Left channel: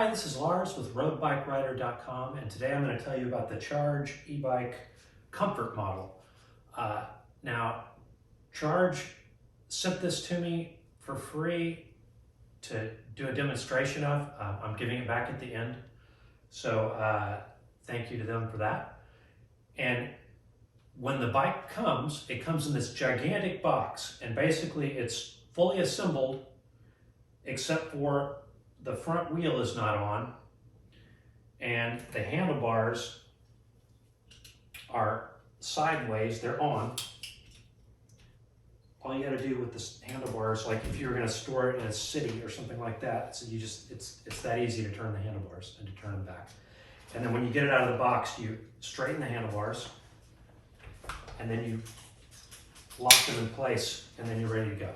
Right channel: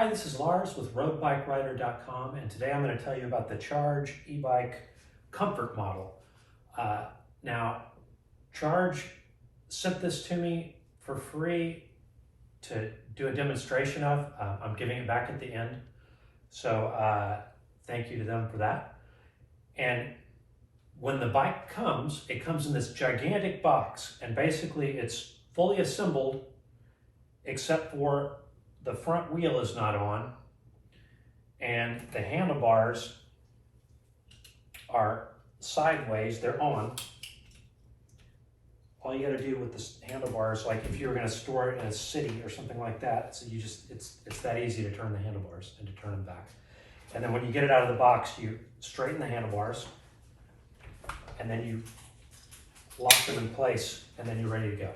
Hi, this is Lars with RoadBikeRider.com, and today I'm going to tell you about the Charge e-bike comfort model. Now, Charge sent this to me for free to do a demonstration of. I'm giving it back at the end, so thank you to them for that. And when the bike comes, it comes in this gigantic box, and basically it's fully assembled except for the front wheel is not on, and the handlebars are sideways, they're on. All you gotta do with the handlebars, like if you were gonna store it in a city or something like that, so it's that easy to turn the handlebars and to turn them back. And then when you get it out of the box, you straighten the handlebars, and then you lock them in place, and then you're ready to go.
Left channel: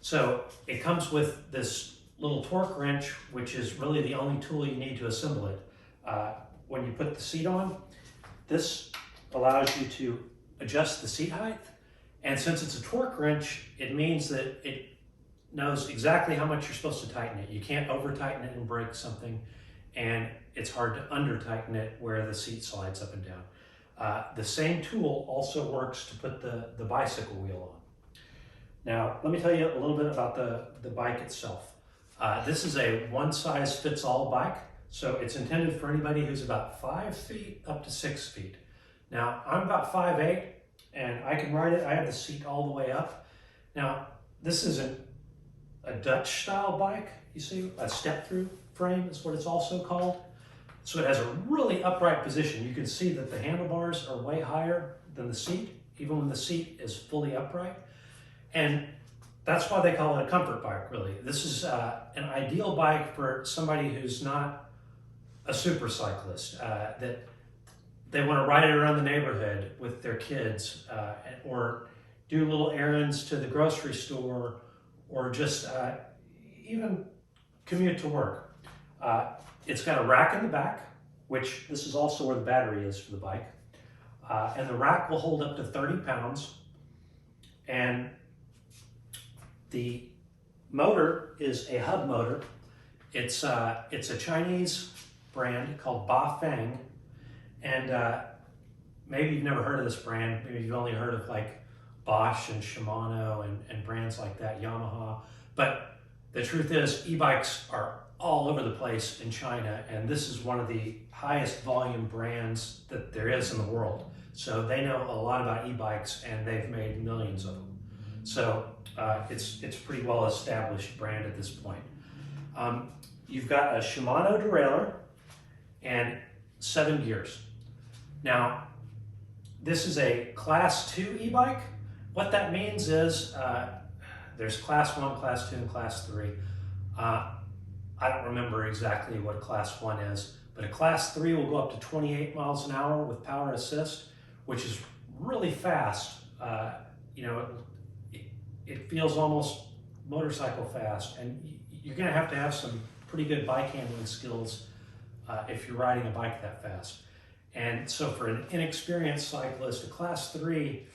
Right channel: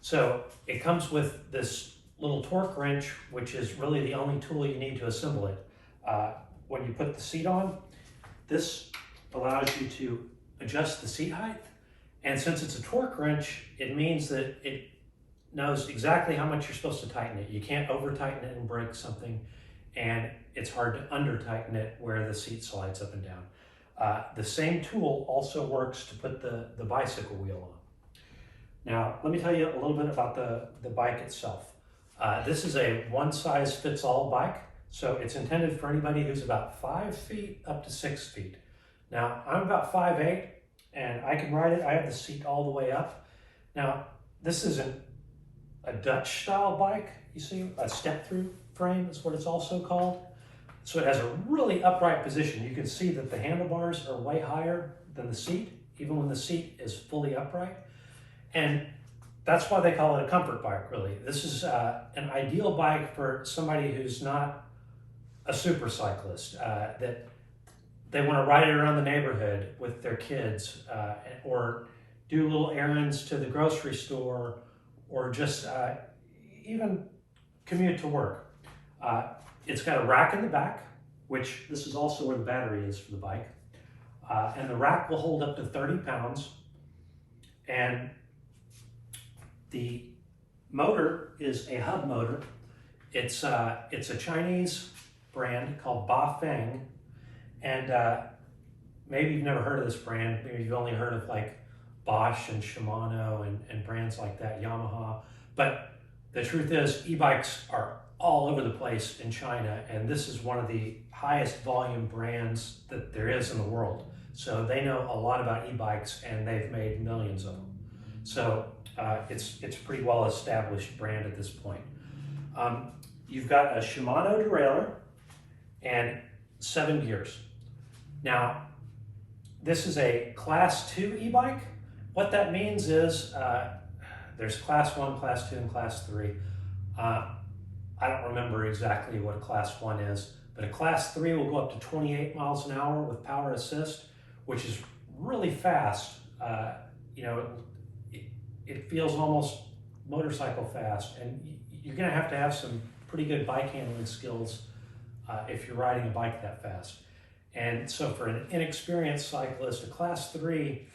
So it comes with this little torque wrench, which is really the only tool you need to assemble it. When you put the seat on, this allows you to adjust the seat height. And since it's a torque wrench, it means that it knows exactly how much you're supposed to tighten it. You can't over tighten it and break something, and it's hard to under tighten it where the seat slides up and down. The same tool also works to put the bicycle wheel on. Now, let me tell you a little bit about the bike itself. This is a one-size-fits-all bike, so it's intended for anybody who's about 5 feet up to 6 feet. Now, I'm about 5'8", and I can ride it. I have the seat all the way up. Now, this isn't a Dutch-style bike, you see, a step-through frame is what it's also called. So it has a really upright position. You can see that the handlebars are way higher than the seat, even when the seat is fully upright. And that's why they call it a comfort bike, really. This is an ideal bike for somebody who's not a super cyclist, that they want to ride it around the neighborhood with their kids, or do little errands to the grocery store, or just even commute to work. It's got a rack in the back, which this is also where the battery is for the bike. And the rack will hold up to 30 pounds. And the motor is a hub motor. It's a Chinese brand called Bafeng, and maybe you've never heard of this brand. Maybe you've only heard of like Bosch and Shimano and brands like that, Yamaha. But the truth is, e-bikes are all over the place in China, and this is one of the highest volume brands that there is in the world. So they know a lot about e-bikes, and they've made millions of them. So it's a pretty well established brand at this point. You've got a Shimano Derailleur and 7 gears. Now, this is a Class 2 e-bike. What that means is there's Class 1, Class 2, and Class 3. I don't remember exactly what a Class 1 is, but a Class 3 will go up to 28 miles an hour with power assist, which is really fast. You know, it feels almost motorcycle fast, and you're gonna have to have some pretty good bike handling skills if you're riding a bike that fast. And so for an inexperienced cyclist, a Class 3,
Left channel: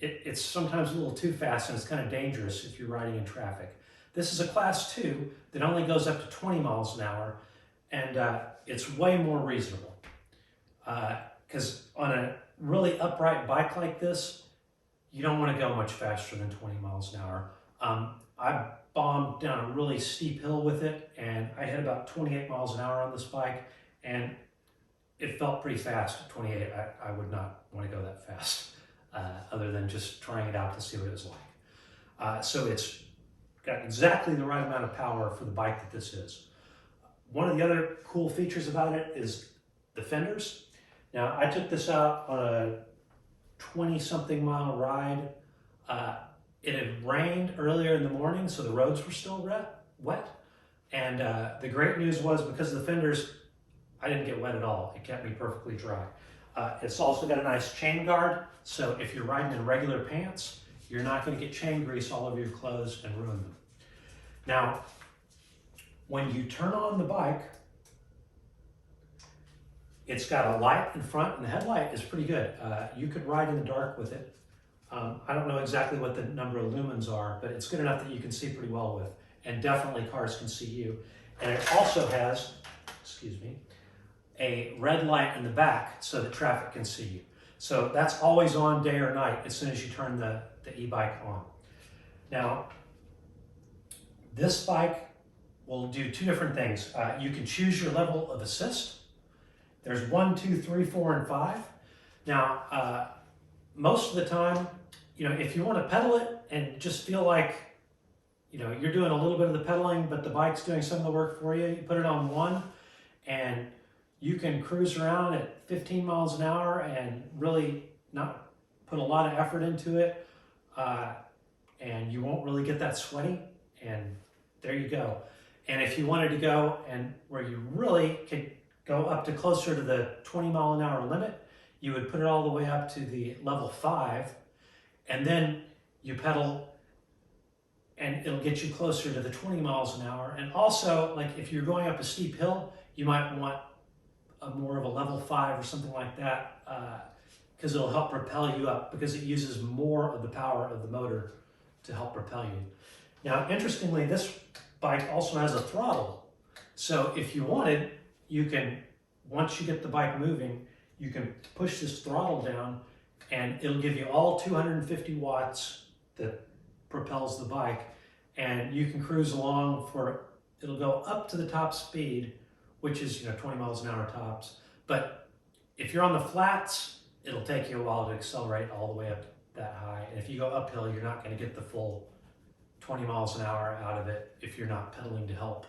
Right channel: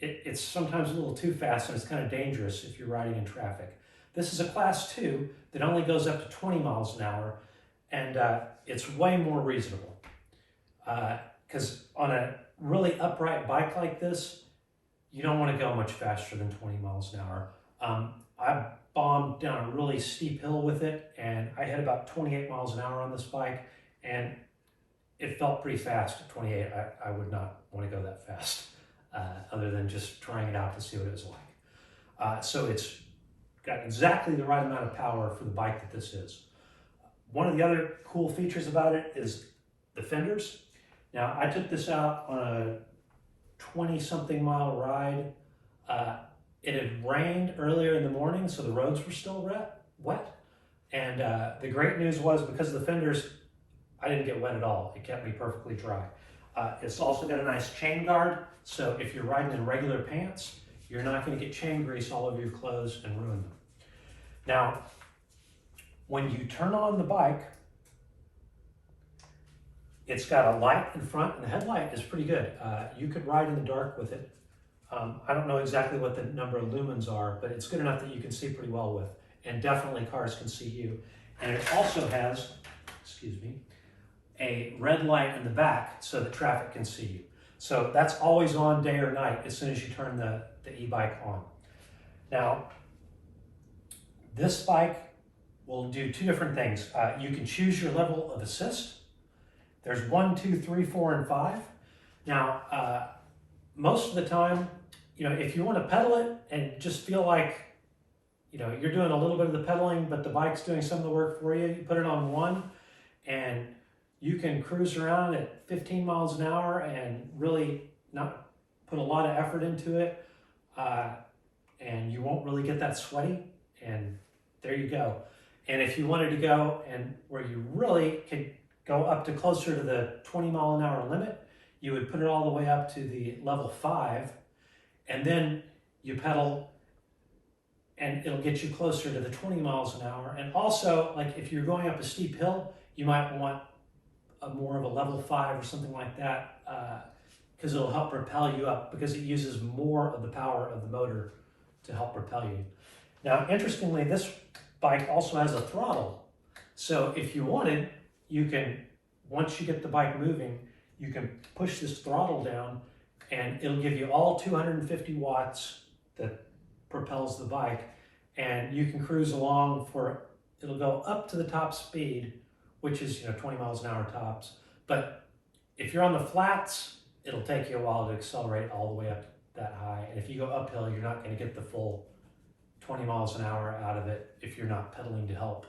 it's sometimes a little too fast, and it's kind of dangerous if you're riding in traffic. This is a Class 2 that only goes up to 20 miles an hour, and it's way more reasonable. Because on a really upright bike like this, you don't want to go much faster than 20 miles an hour. I bombed down a really steep hill with it, and I hit about 28 miles an hour on this bike, and it felt pretty fast at 28. I would not want to go that fast, other than just trying it out to see what it was like. So it's got exactly the right amount of power for the bike that this is. One of the other cool features about it is the fenders. Now, I took this out on a 20-something mile ride. It had rained earlier in the morning, so the roads were still wet. And the great news was, because of the fenders, I didn't get wet at all. It kept me perfectly dry. It's also got a nice chain guard, so if you're riding in regular pants, you're not going to get chain grease all over your clothes and ruin them. Now, when you turn on the bike, it's got a light in front, and the headlight is pretty good. You could ride in the dark with it. I don't know exactly what the number of lumens are, but it's good enough that you can see pretty well with, and definitely cars can see you. And it also has, excuse me, a red light in the back so that traffic can see you. So that's always on day or night as soon as you turn the e-bike on. Now, this bike will do two different things. You can choose your level of assist. There's 1, 2, 3, 4, and 5. Now, most of the time, if you want to pedal it and just feel like, you're doing a little bit of the pedaling, but the bike's doing some of the work for you, you put it on 1, and you can cruise around at 15 miles an hour and really not put a lot of effort into it, and you won't really get that sweaty, and there you go. And if you wanted to go and where you really could go up to closer to the 20 mile an hour limit, you would put it all the way up to the level 5, and then you pedal and it'll get you closer to the 20 miles an hour. And also, like if you're going up a steep hill, you might want more of a level 5 or something like that, because it'll help propel you up, because it uses more of the power of the motor to help propel you. Now, interestingly, this bike also has a throttle. So if you wanted, you can, once you get the bike moving, you can push this throttle down and it'll give you all 250 watts that propels the bike, and you can cruise along it'll go up to the top speed, which is 20 miles an hour tops. But if you're on the flats, it'll take you a while to accelerate all the way up that high. And if you go uphill, you're not going to get the full 20 miles an hour out of it if you're not pedaling to help.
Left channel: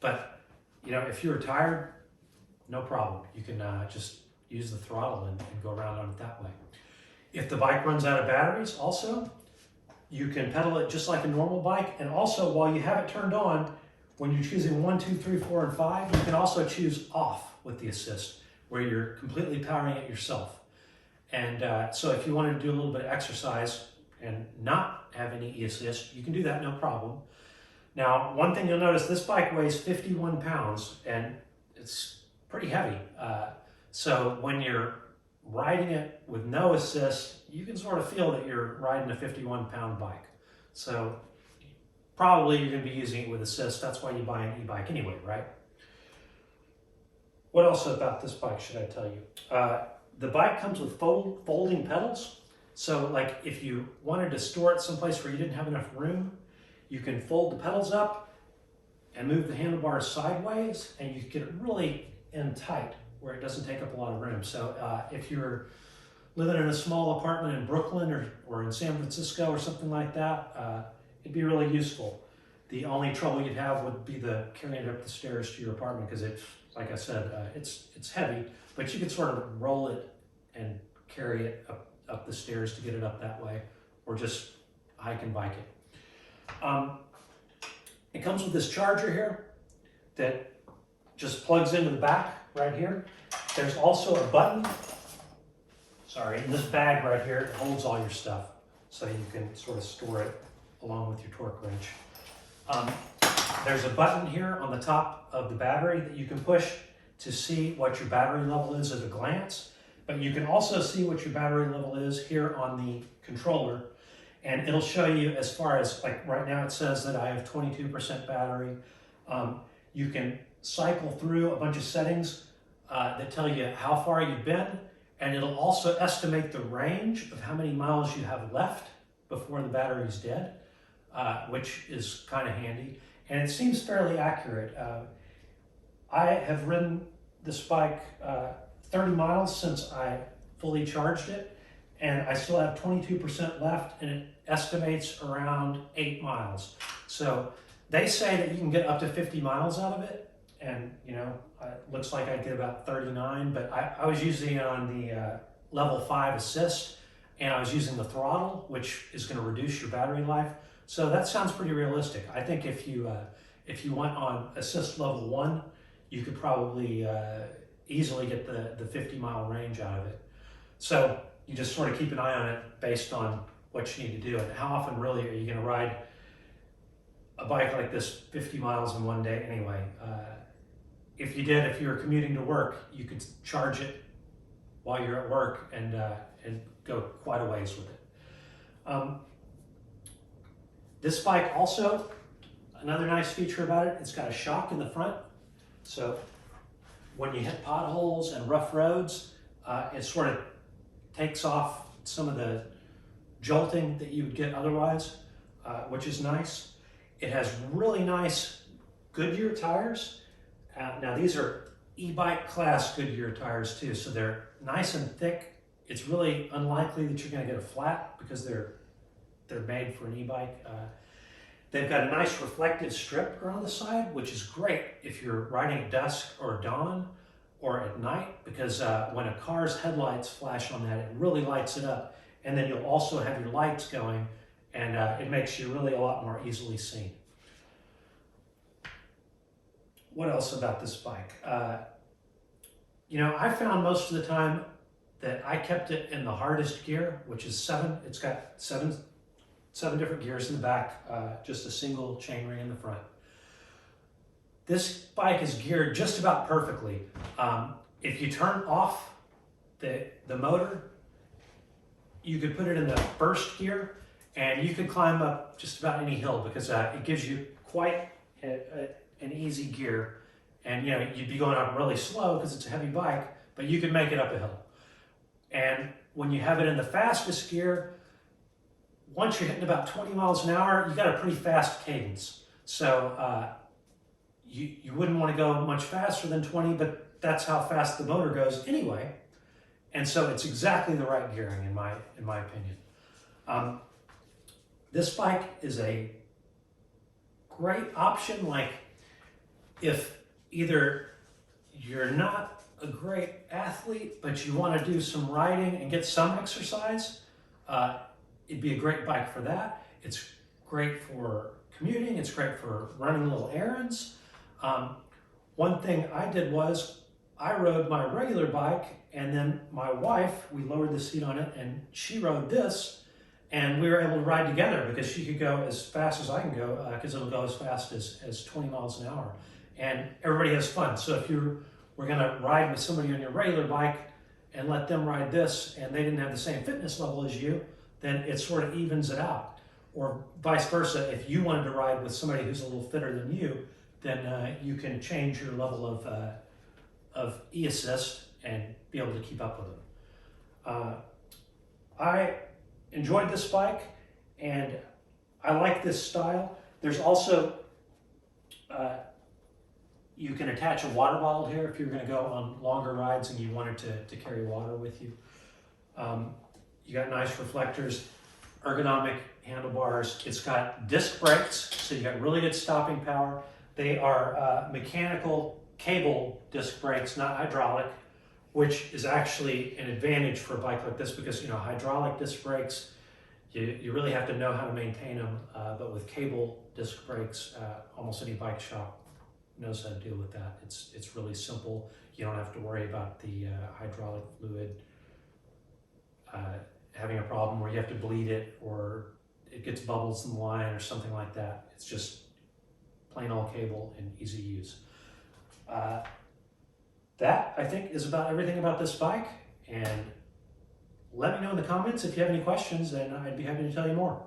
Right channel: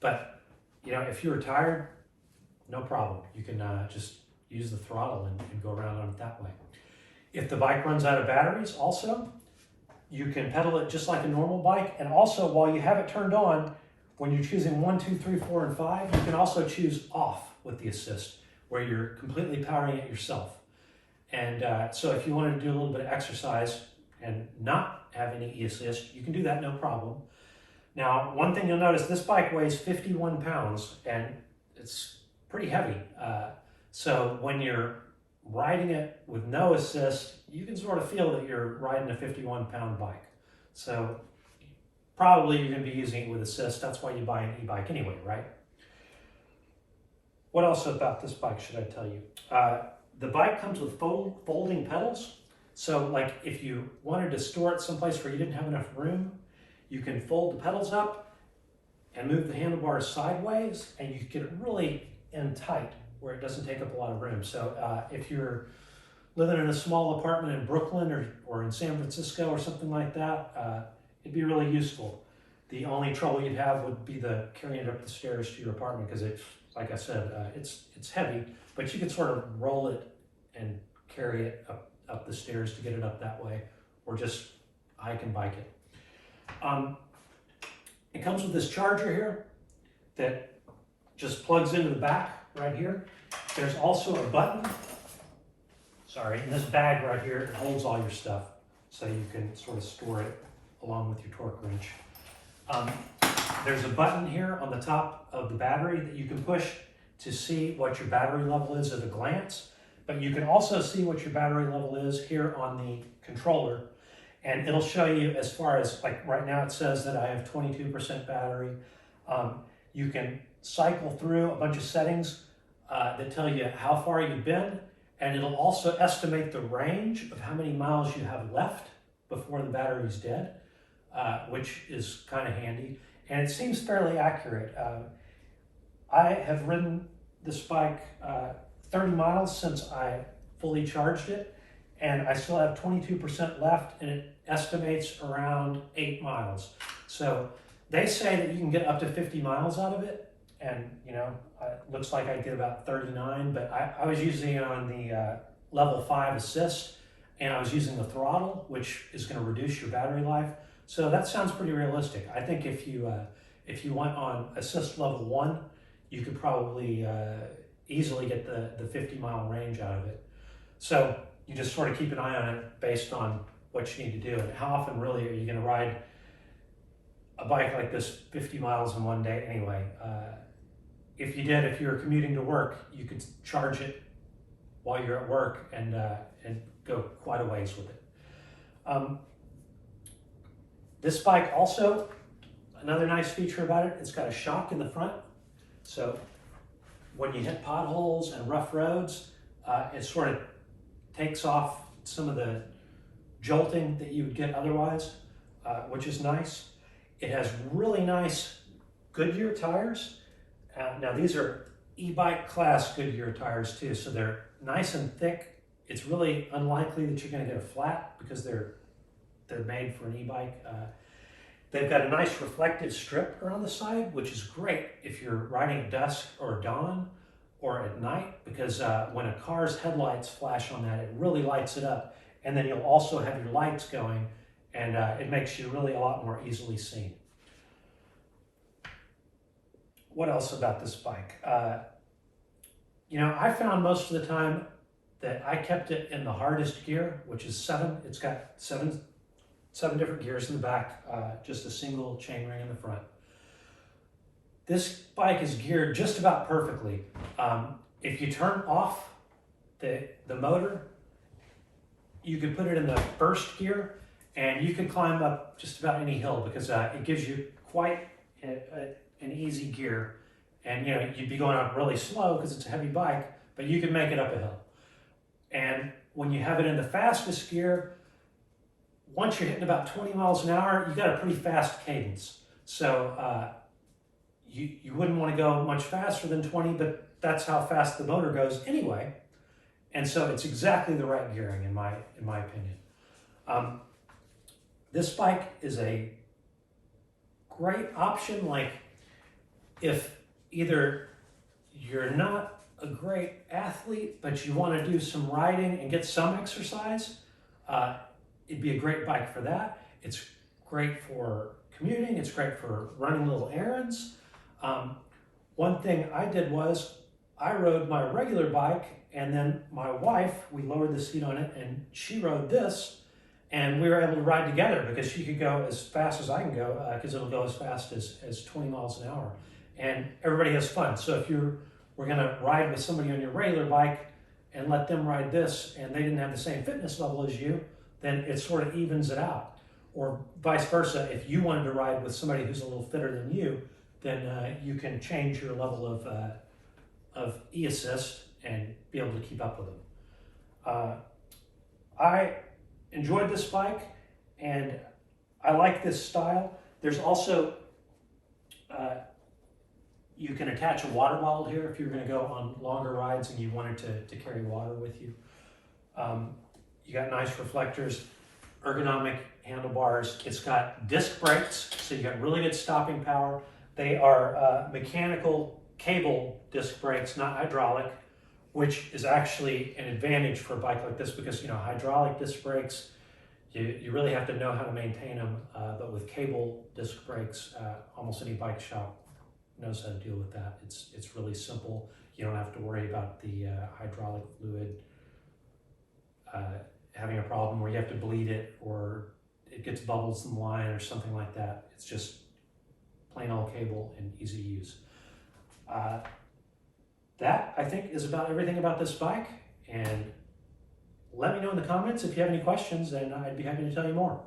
But if you're tired, no problem. You can just use the throttle and go around on it that way. If the bike runs out of batteries also, you can pedal it just like a normal bike. And also, while you have it turned on, when you're choosing 1, 2, 3, 4, and 5, you can also choose off with the assist, where you're completely powering it yourself. And so if you wanted to do a little bit of exercise and not have any e-assist, you can do that, no problem. Now, one thing you'll notice, this bike weighs 51 pounds and it's pretty heavy. So when you're riding it with no assist, you can sort of feel that you're riding a 51-pound bike. So probably you're going to be using it with assist. That's why you buy an e-bike anyway, right? What else about this bike should I tell you? The bike comes with folding pedals. So like if you wanted to store it someplace where you didn't have enough room, you can fold the pedals up and move the handlebars sideways, and you get it really in tight where it doesn't take up a lot of room. So if you're living in a small apartment in Brooklyn or in San Francisco or something like that, it'd be really useful. The only trouble you'd have would be carrying it up the stairs to your apartment, because it's, like I said, it's heavy, but you could sort of roll it and carry it up the stairs to get it up that way, or just hike and bike it. It comes with this charger here that just plugs into the back right here. There's also a button, in this bag right here, it holds all your stuff, so you can sort of store it along with your torque wrench. There's a button here on the top of the battery that you can push to see what your battery level is at a glance, but you can also see what your battery level is here on the controller, and it'll show you as far as, like right now it says that I have 22% battery. You can cycle through a bunch of settings that tell you how far you've been, and it'll also estimate the range of how many miles you have left before the battery's dead, which is kind of handy, and it seems fairly accurate. I have ridden this bike 30 miles since I fully charged it, and I still have 22% left, and it estimates around 8 miles. So they say that you can get up to 50 miles out of it, and it looks like I get about 39, but I was using it on the level 5 assist, and I was using the throttle, which is going to reduce your battery life. So that sounds pretty realistic. I think if you went on assist level 1, you could probably easily get the 50-mile range out of it. So you just sort of keep an eye on it based on what you need to do, and how often really are you going to ride a bike like this 50 miles in one day anyway. If you were commuting to work, you could charge it while you're at work and go quite a ways with it. This bike also Another nice feature about it, it's got a shock in the front. So when you hit potholes and rough roads, it sort of takes off some of the jolting that you would get otherwise, which is nice. It has really nice Goodyear tires. Now these are e-bike class Goodyear tires too, so they're nice and thick. It's really unlikely that you're going to get a flat because they're made for an e-bike. They've got a nice reflective strip around the side, which is great if you're riding at dusk or dawn or at night, because when a car's headlights flash on that, it really lights it up. And then you'll also have your lights going, and it makes you really a lot more easily seen. What else about this bike? You know, I found most of the time that I kept it in the hardest gear, which is 7. It's got seven different gears in the back, just a single chainring in the front. This bike is geared just about perfectly. If you turn off the motor, you could put it in the first gear and you could climb up just about any hill, because it gives you quite an easy gear. And you know, you'd be going up really slow because it's a heavy bike, but you can make it up a hill. And when you have it in the fastest gear, once you're hitting about 20 miles an hour, you got a pretty fast cadence. So you wouldn't want to go much faster than 20, but that's how fast the motor goes anyway. And so it's exactly the right gearing in my opinion. This bike is a great option, like if either you're not a great athlete, but you want to do some riding and get some exercise, it'd be a great bike for that. It's great for commuting. It's great for running little errands. One thing I did was I rode my regular bike, and then my wife, we lowered the seat on it, and she rode this, and we were able to ride together because she could go as fast as I can go, because it'll go as fast as 20 miles an hour. And everybody has fun. So if we're going to ride with somebody on your regular bike and let them ride this, and they didn't have the same fitness level as you, then it sort of evens it out. Or vice versa, if you wanted to ride with somebody who's a little fitter than you, then you can change your level of e-assist and be able to keep up with them. I enjoyed this bike, and I like this style. There's also, you can attach a water bottle here if you're going to go on longer rides and you wanted to carry water with you. You got nice reflectors, ergonomic handlebars. It's got disc brakes, so you got really good stopping power. They are mechanical cable disc brakes, not hydraulic, which is actually an advantage for a bike like this, because you know, hydraulic disc brakes, you really have to know how to maintain them, but with cable disc brakes, almost any bike shop knows how to deal with that. It's really simple. You don't have to worry about the hydraulic fluid having a problem where you have to bleed it or it gets bubbles in the line or something like that. It's just plain old cable and easy use. That, I think, is about everything about this bike, and let me know in the comments if you have any questions, and I'd be happy to tell you more.